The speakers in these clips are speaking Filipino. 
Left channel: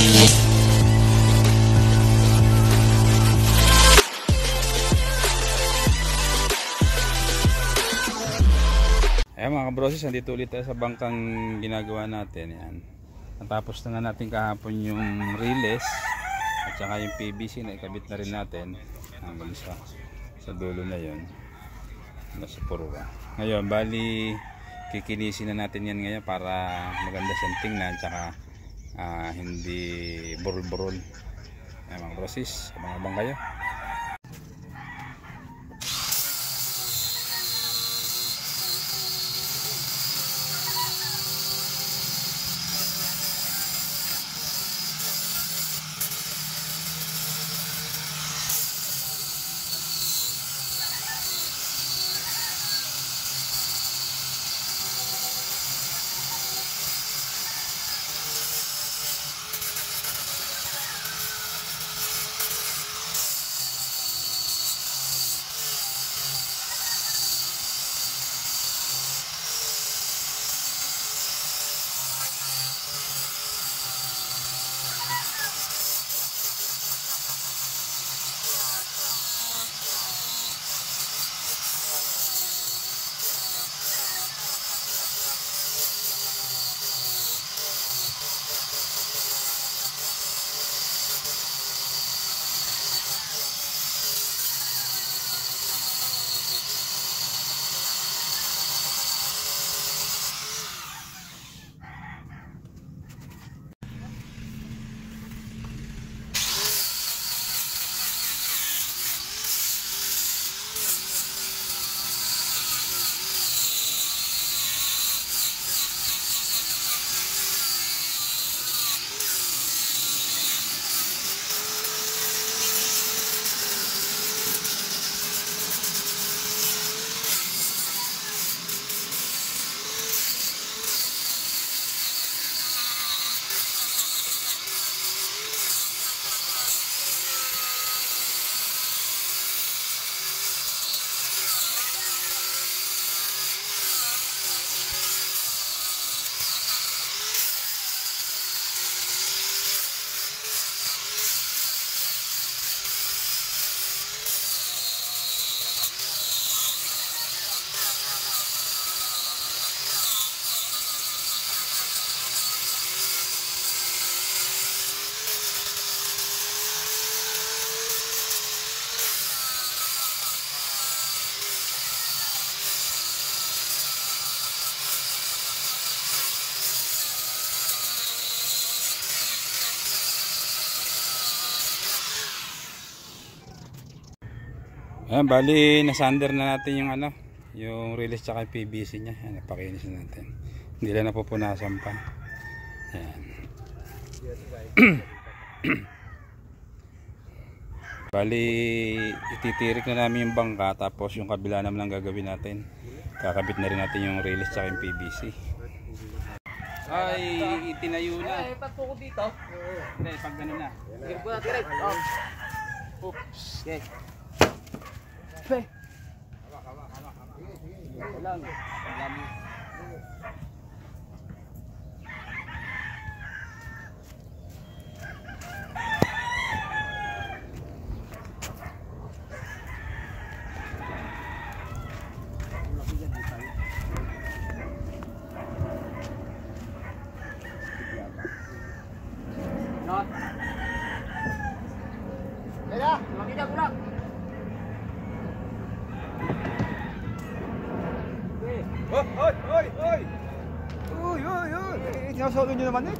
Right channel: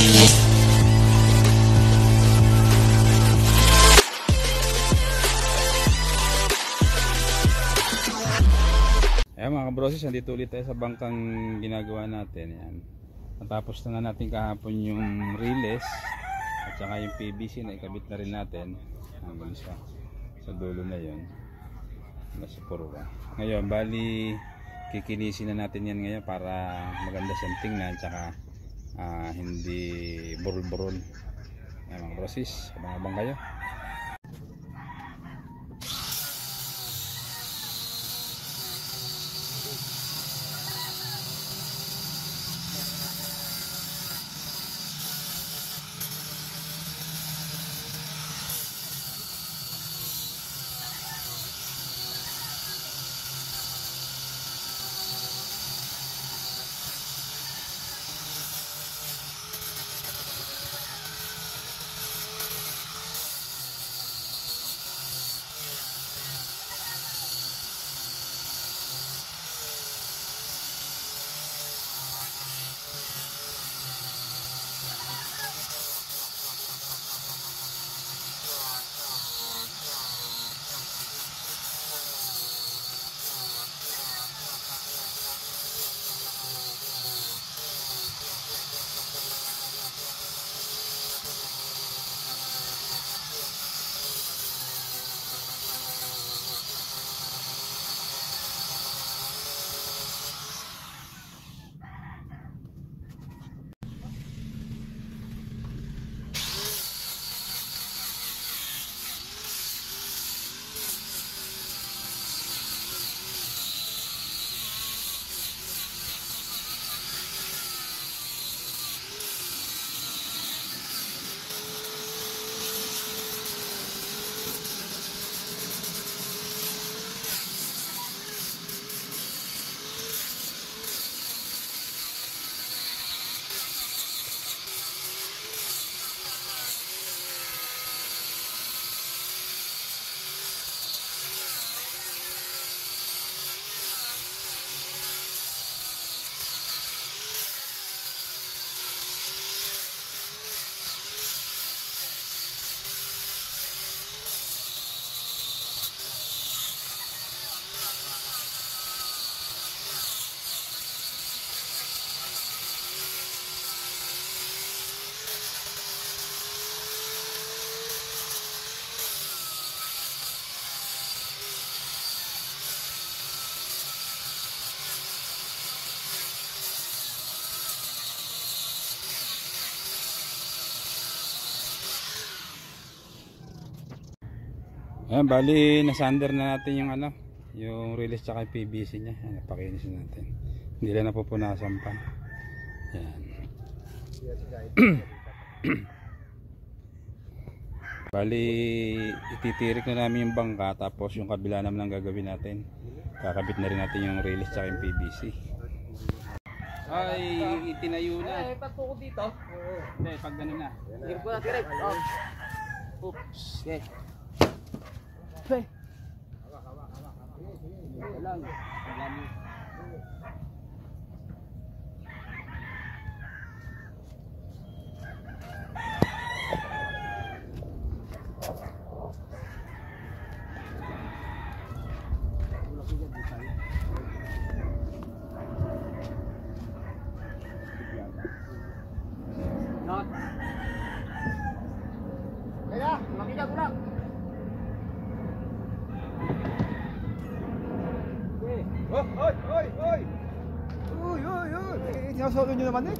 Ayan mga kabrosis, nandito ulit tayo sa bangkang ginagawa natin. Yan. Natapos na nga natin kahapon yung release at saka yung PVC na ikabit na rin natin hanggang sa dulo na yun, nasa purwa. Ngayon bali kikinisin na natin yan ngayon para maganda siyang tingnan at saka hindi burol-burol. Ayan mga kabrosis, abang-abang kayo. Ayan, bali nasander na natin yung yung release tsaka yung PVC nya. Ayan, napakinis na natin. Hindi lang napupunasan pa. Ayan. Bali ititirik na namin yung bangka, tapos yung kabila naman lang gagawin natin. Kakabit na rin natin yung release tsaka yung PVC. Ay, itinayo na. Ay, patuko dito. Hindi, pag gano'n na. Oops. Okay. Okay. Lang. Paglami. Not. Kaya, makita ko lang. Oy, oy, oy, oy. Uy, uy, uy. Sinasolo nyo naman eh.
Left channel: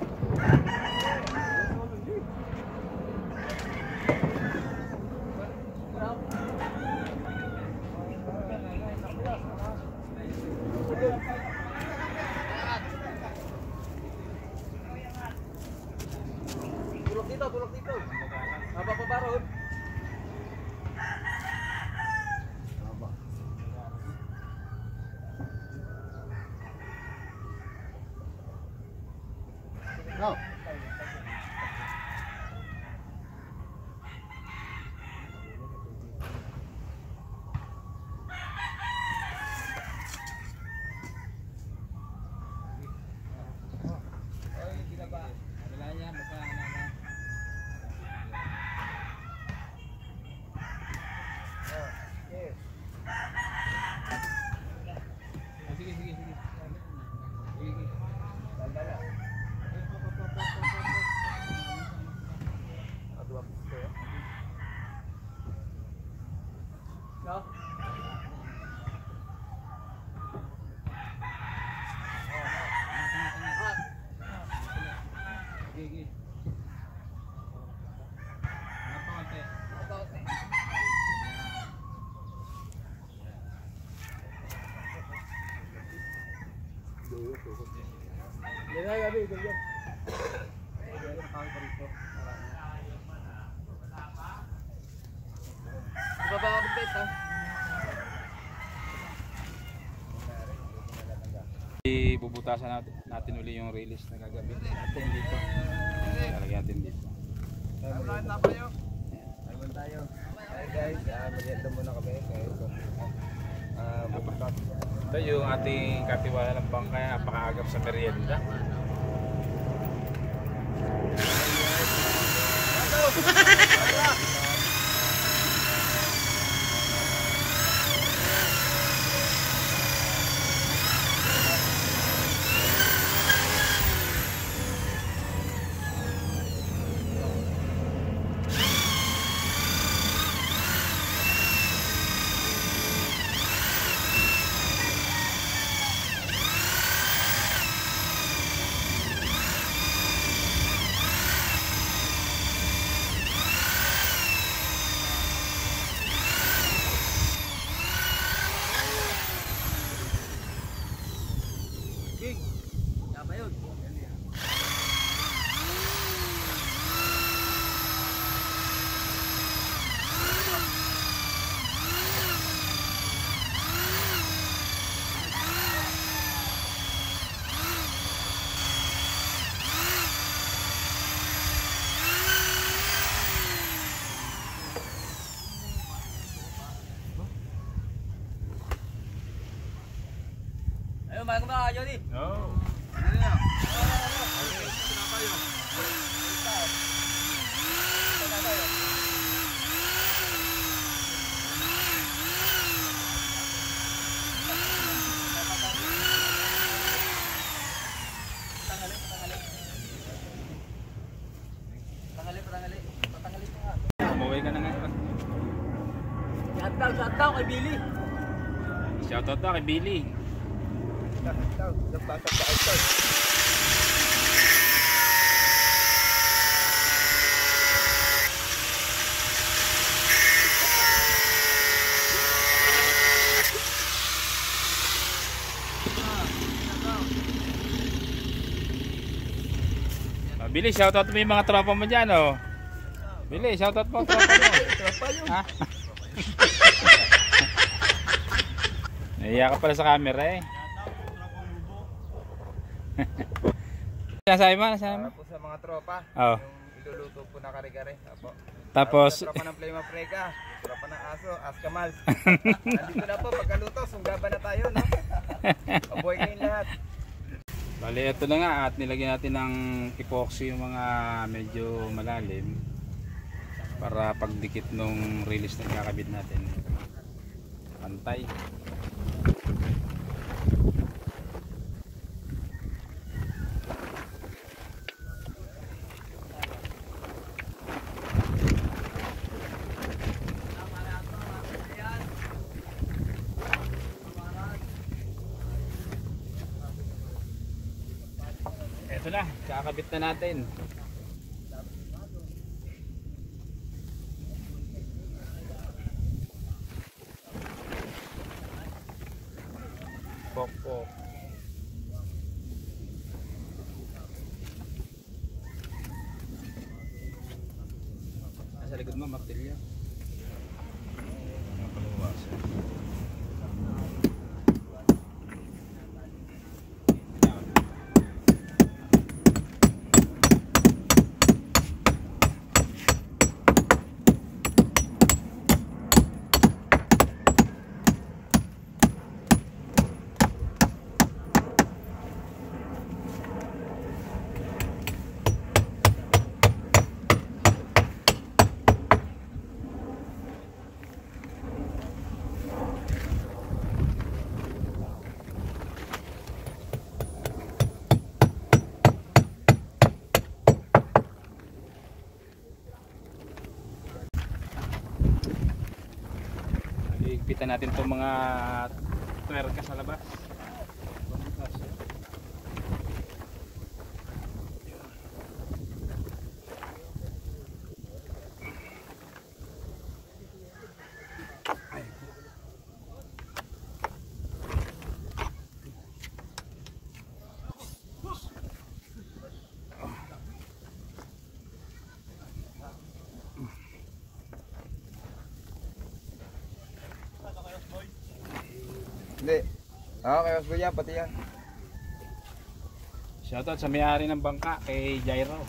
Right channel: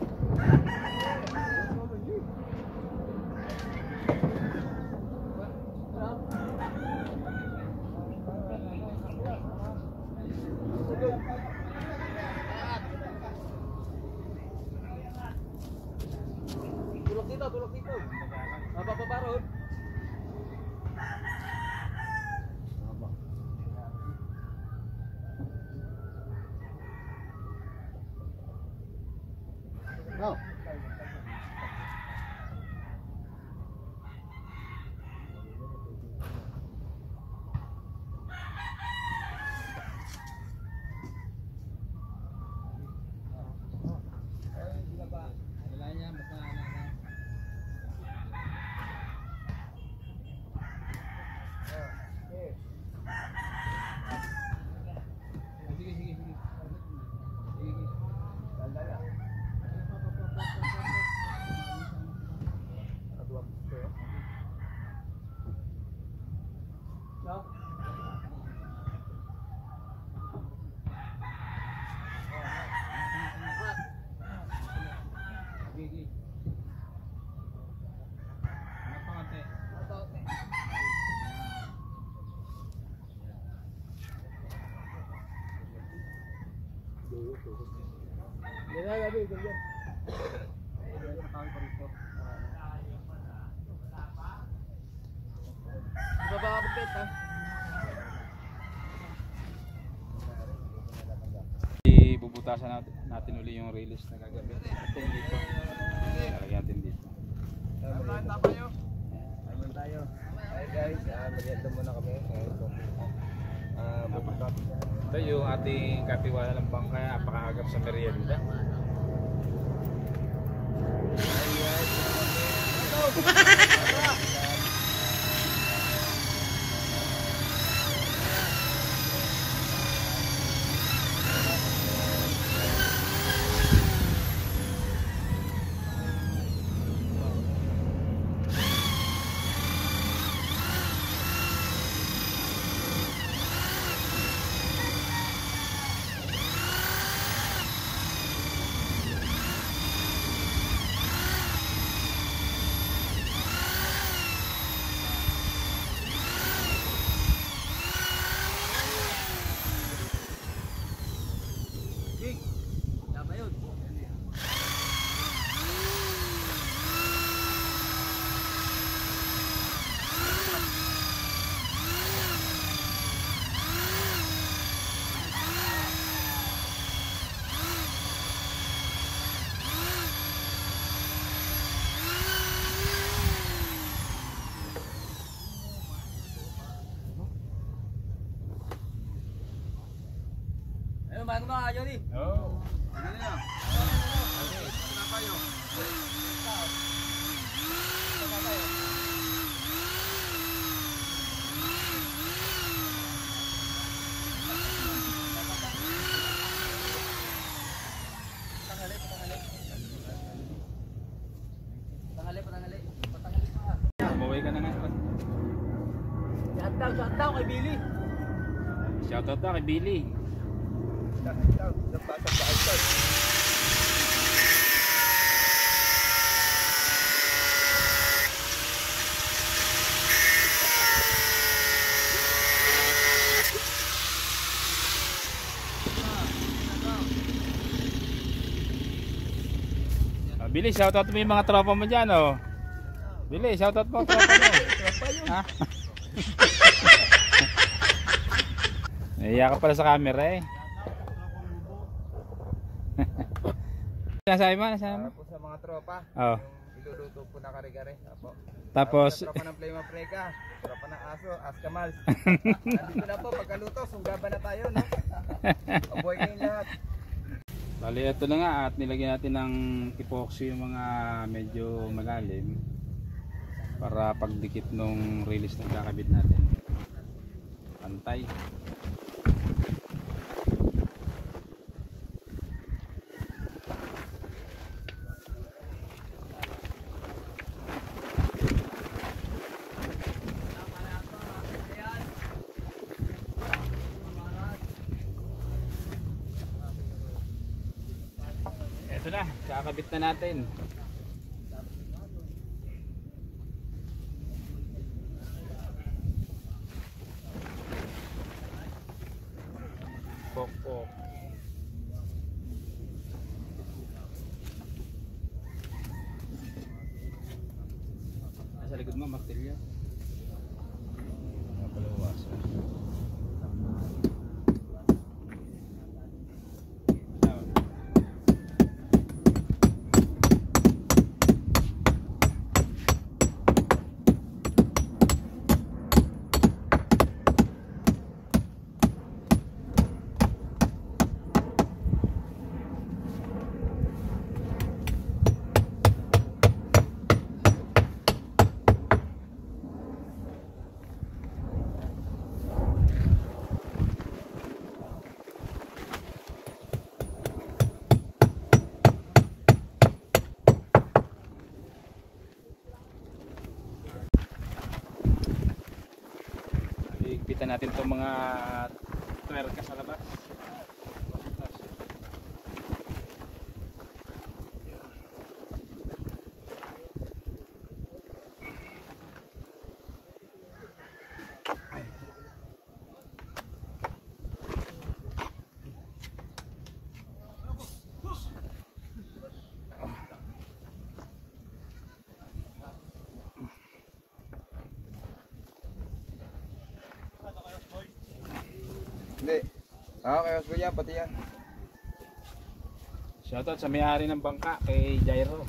Tulak dito. Mapapaparod. No. Sige. Hanap pa konti. Yan na, gabi, ganyan. Di ba ba kapit ha? Bubutasan natin uli yung release na gagawin natin dito. Lalagyan natin dito. Naman tayo. Hi guys, mag-enda muna kami. Ito yung ating katiwala ng bangka, napakaagap sa merienda. Ayun, bago na kayo ni. Oh. Hindi na. Umuwi ka na ngayon. Shout out kay Billy. Shoutout daw kay Billy. Nagpasok sa outside. Billy, shoutout mo yung mga tropa mo dyan, oh. Billy, shoutout mo ang tropa mo. Tropa yun. Ha? Naiya ka pala sa camera eh. Nasabi mo? Para po sa mga tropa. Oo. Yung iluluto po na kare-kare. Apo. Tapos, Tropa ng Play Mafrega, tropa ng aso, Askamal. Nandito na po, pagkaluto, sunggaban na tayo, no? Mabuhay kayong lahat. bali ito na nga at nilagyan natin ng epoxy yung mga medyo malalim para pagdikit nung release na kakabit natin. Pantay. Ito na, kakabit na natin. Pok-pok. Nasa likod mo, martilyo. Ang palawasan. Higpitan natin itong mga twerka sa labas. Hindi. Okay, kuya, pati yan. Shoutout sa may-ari ng bangka kay Jairo.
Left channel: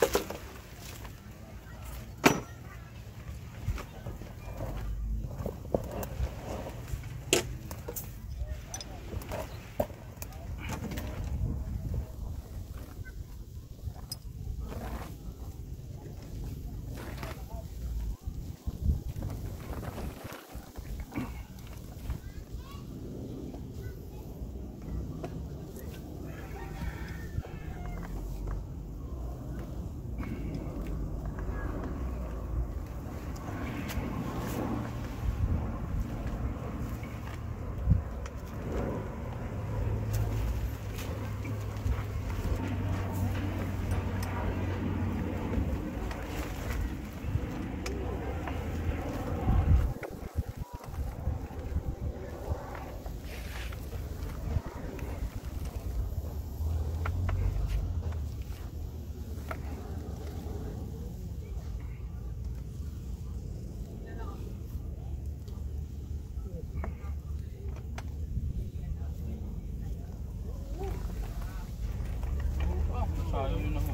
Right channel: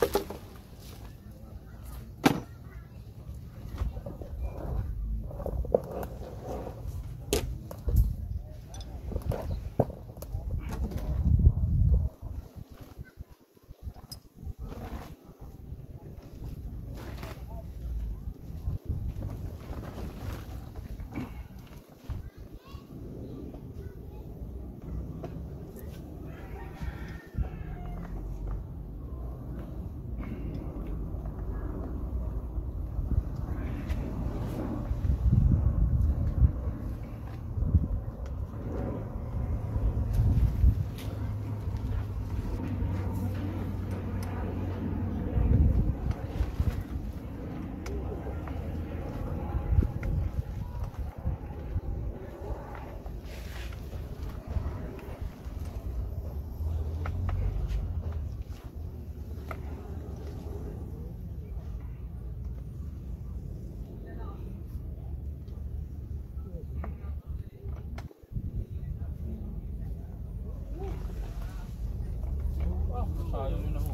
Sayang yun ako.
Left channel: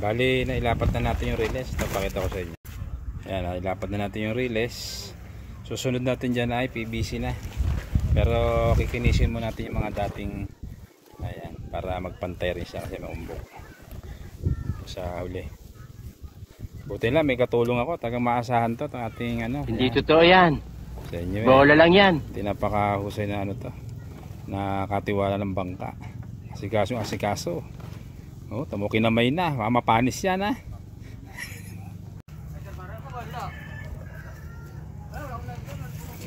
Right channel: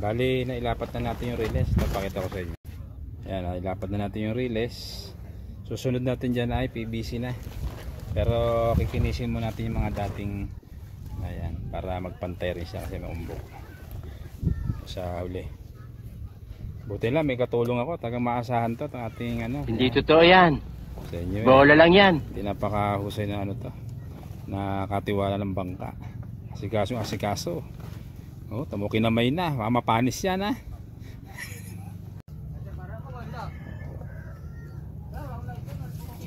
Bali, nailapat na natin yung relays. Ito, pakita ko sa inyo. Ayan, nailapat na natin yung relays. Susunod natin dyan ay PVC na. Pero kikinisin mo natin yung mga dating, ayan, para magpantay rin siya kasi naumbok sa uli. Buti lang, may katulong ako. Tagang maasahan to, itong ating ano. Hindi totoo yan. Sa inyo, Bola lang yan. hindi napakahusay na ano to, na katiwala ng bangka. Asikaso yung asikaso. Oh, tamo kinamay na, mamapanis yan ha.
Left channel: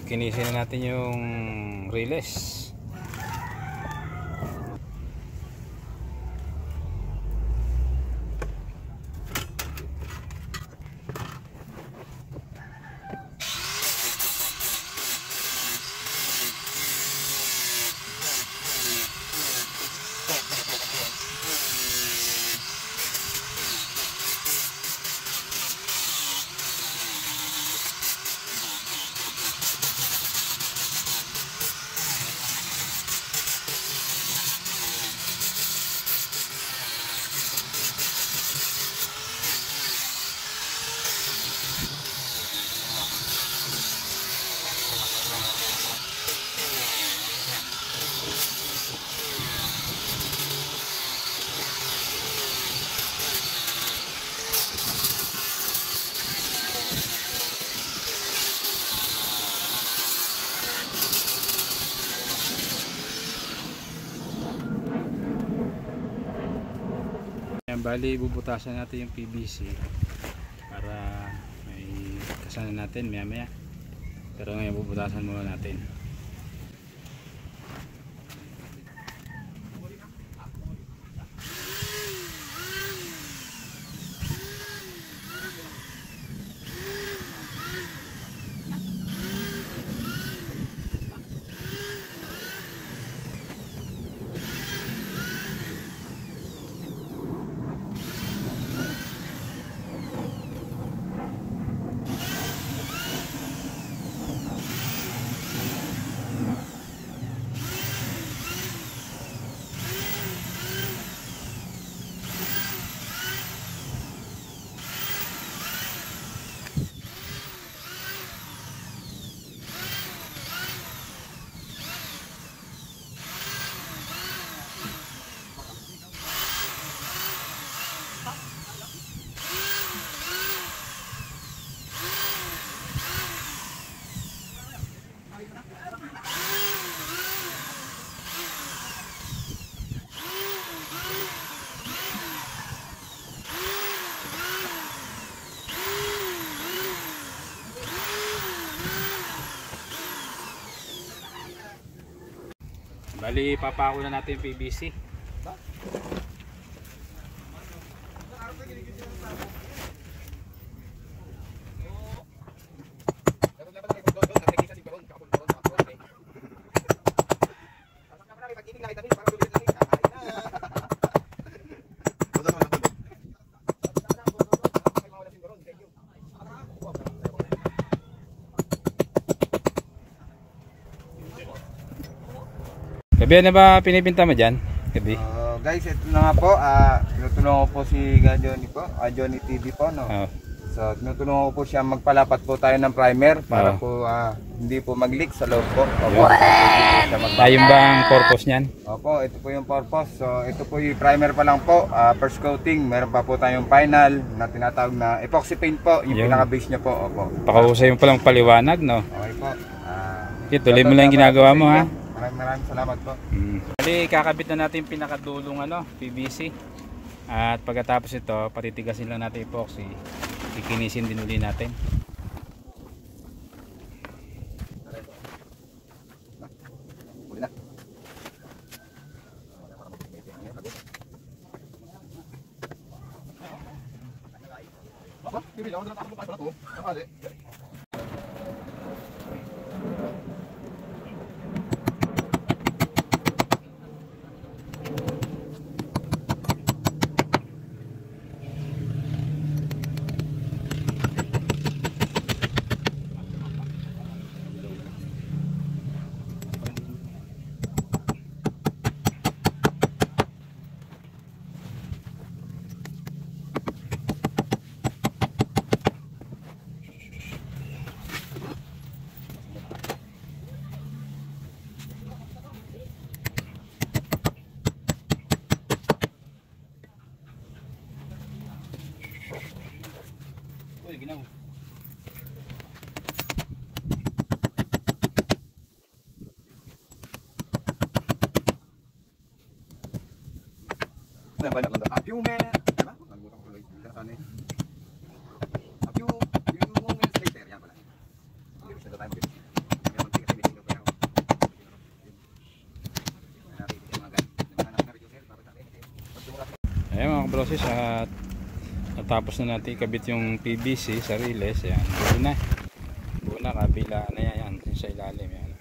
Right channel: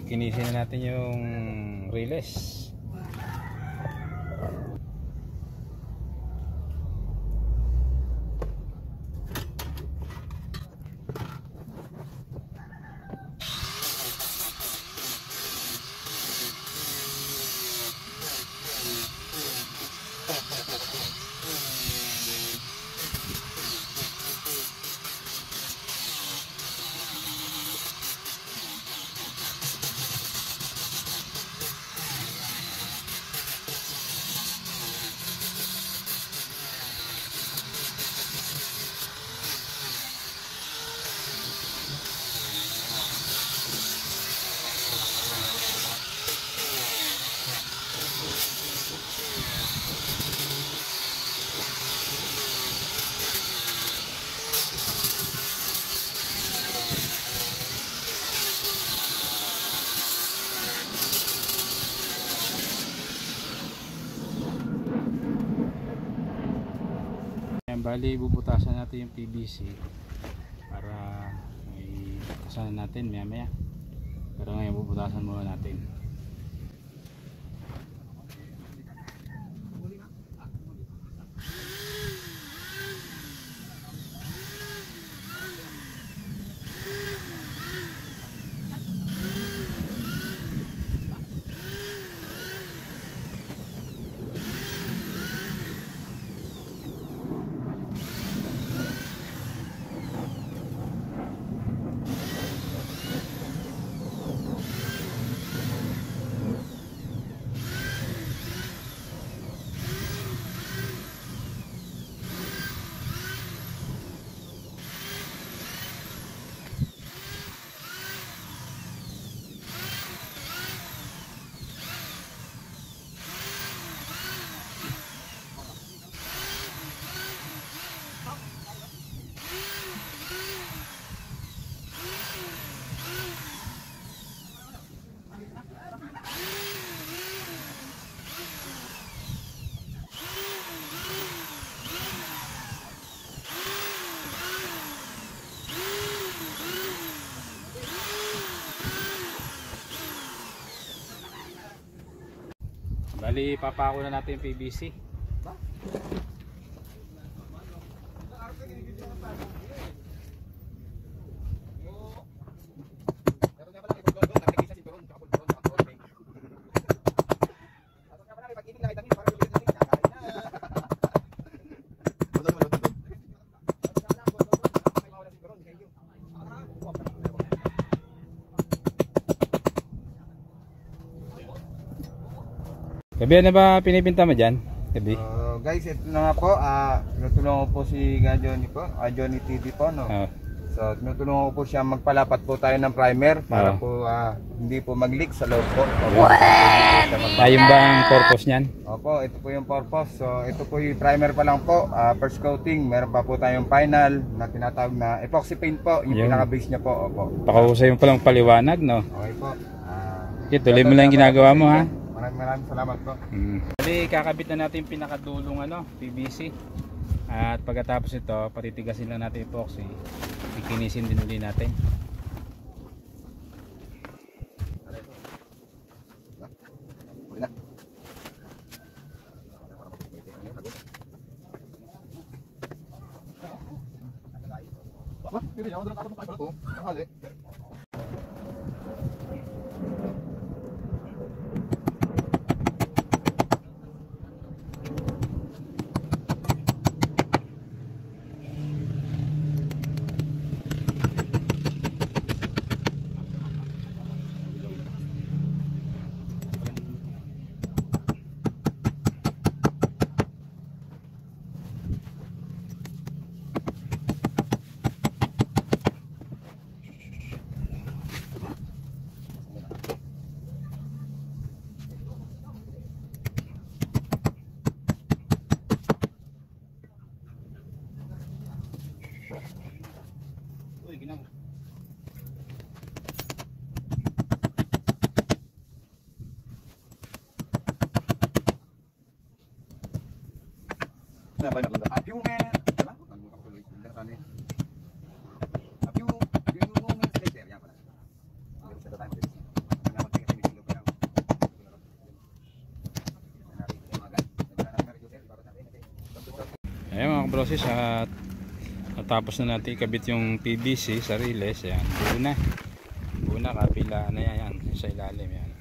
Kinisin na natin yung relays. Bali, bubutasan natin yung PVC para may kasanan natin maya maya, pero ngayon bubutasan muna natin. Bali, papako na natin yung PVC. Gabi, ano ba pinipinta mo dyan? Gabi? Guys, ito na nga po. Tinutulungan ko po si Johnny po. Johnny TV po, no? Oh. So, tinutulungan ko po siya magpalapat po tayo ng primer para po hindi po mag-leak sa loob po. Ayun ba ang purpose niyan? Opo, ito po yung purpose. So, ito po yung primer pa lang po. First coating. Meron pa po tayong final na tinatawag na epoxy paint po. Yung pinaka-base niya po. Opo. Pakahusay mo palang paliwanag, no? Okay po. Okay, tuloy mo lang yung ginagawa mo, ha? Maraming salamat po. Bali, kakabit na natin yung pinakadulong PVC. At pagkatapos ito, patitigasin lang natin yung epoxy. Ikinisin din uli natin. Ayan mga kabroses, at natapos na natin ikabit yung PVC sa riles. Ayan, buo na kabila na yan, sa ilalim yan.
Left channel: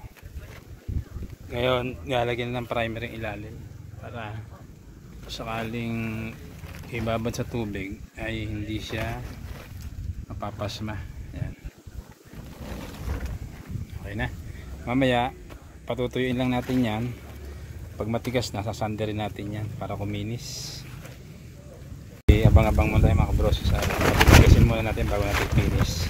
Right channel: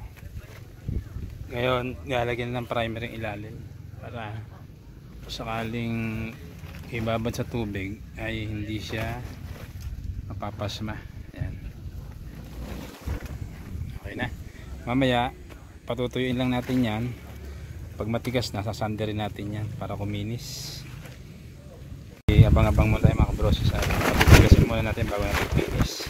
Ngayon lalagyan na ng primer yung ilalim para sakaling ibabad sa tubig ay hindi siya mapapasma. Ayan. Okay na, mamaya patutuyuin lang natin yan. Pag matigas na, sasanderin natin yan para kuminis. Abang-abang muna tayo mga kabros. Patitigasin muna natin bago natin finish.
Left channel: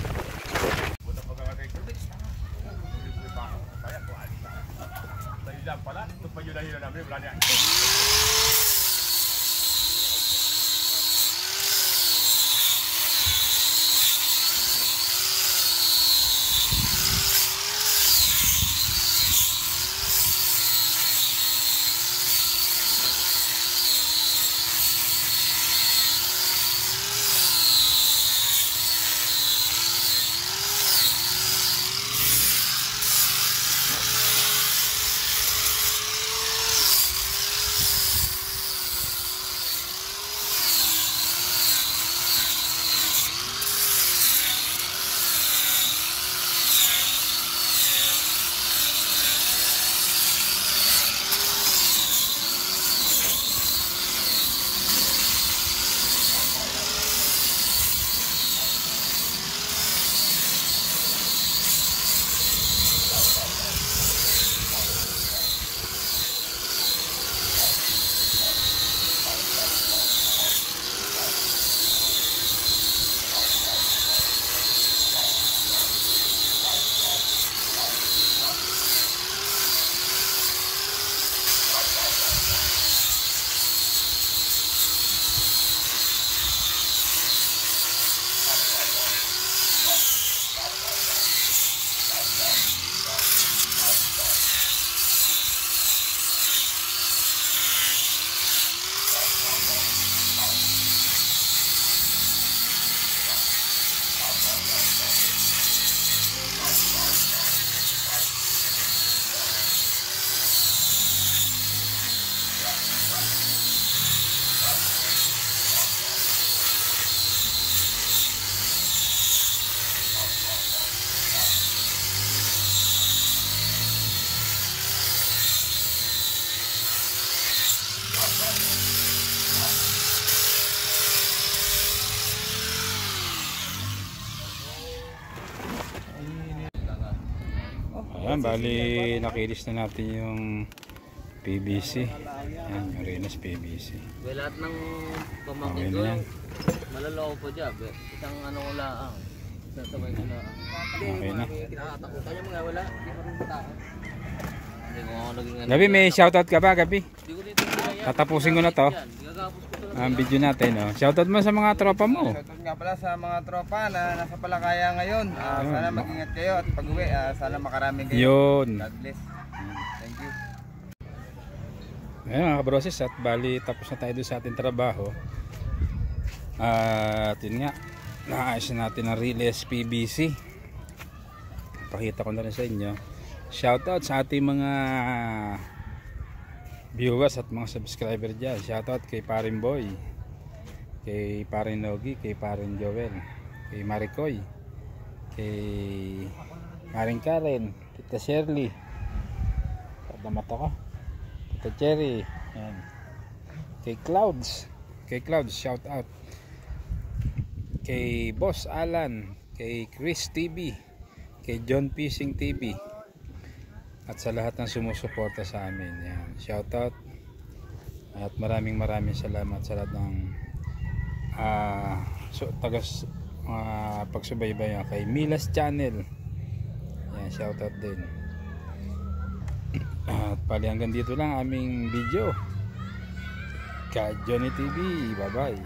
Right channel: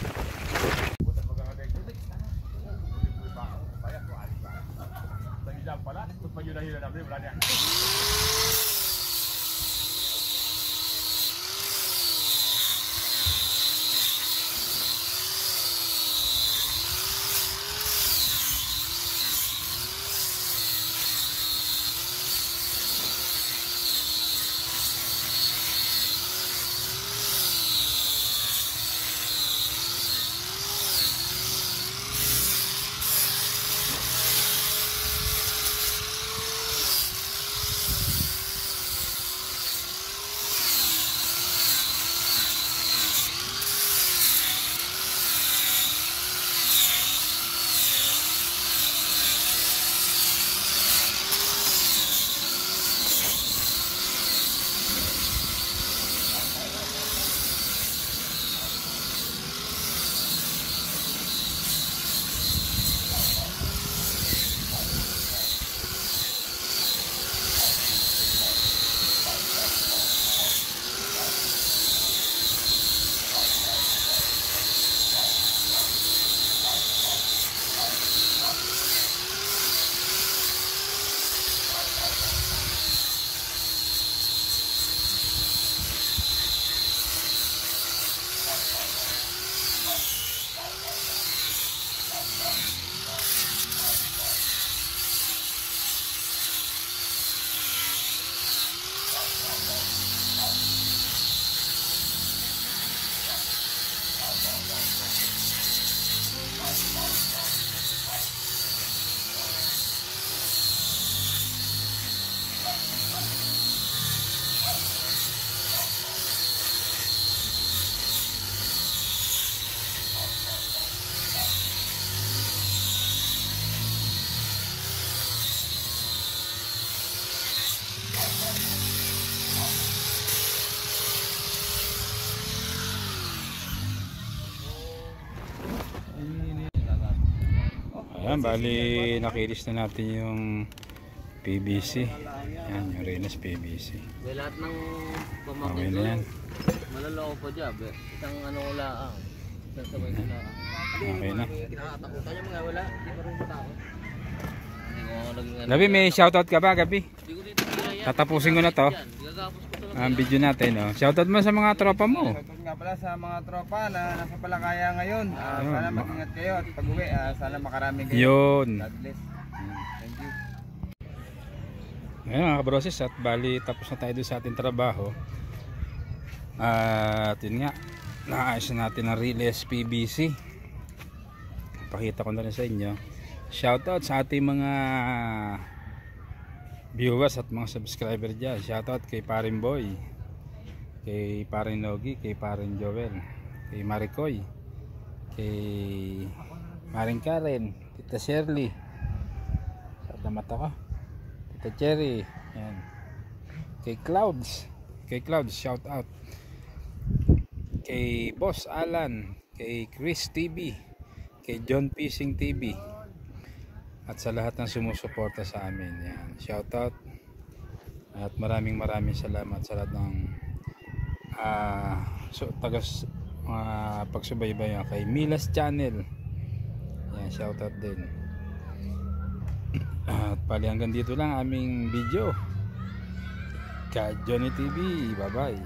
Ayan, bali nakilis na natin yung PVC. Ayan, yung Reyes PVC. Lahat ng Okay na yan. malaloko po dyan. Isang ano ko lang. Sasabay ko lang. Okay na. Tayo mga wala. Hindi pa rin tao. Hindi ko ako naging ano. Gabi, may shoutout ka ba, Gabi? Hindi ko dito kaya. Tatapusin ko na to. Gagapos ko sila. Ang video natin, no? Shoutout mo sa mga tropa mo. Shoutout nga pala sa mga tropa na nasa Palakaya ngayon. Sana mag-ingat kayo at pag-uwi, sana makaraming kayo. Yun. God bless. Thank you. Ayan mga kabroses, at bali tapos na tayo doon sa ating trabaho. At yun nga, naayos na natin ang Reyes PVC. Pakita ko na rin sa inyo. Shoutout sa ating mga viewers at mga subscriber dyan. Shoutout kay Parin Boy, kay Parin Nogi, kay Parin Joel, kay Maricoy, kay Maring Karen, Tita Shirley, sa mata ko, Tita Cherry, yan. Kay Clouds, shoutout. Kay Boss Alan, kay Chris TV, kay John Fishing TV, at sa lahat ng sumusuporta sa amin. Yan, shoutout. At maraming salamat sa lahat ng pagsubaybayan kay Milas Channel. Yan, shoutout din. At pali hanggang dito lang aming video. Ka Johnny TV, bye bye.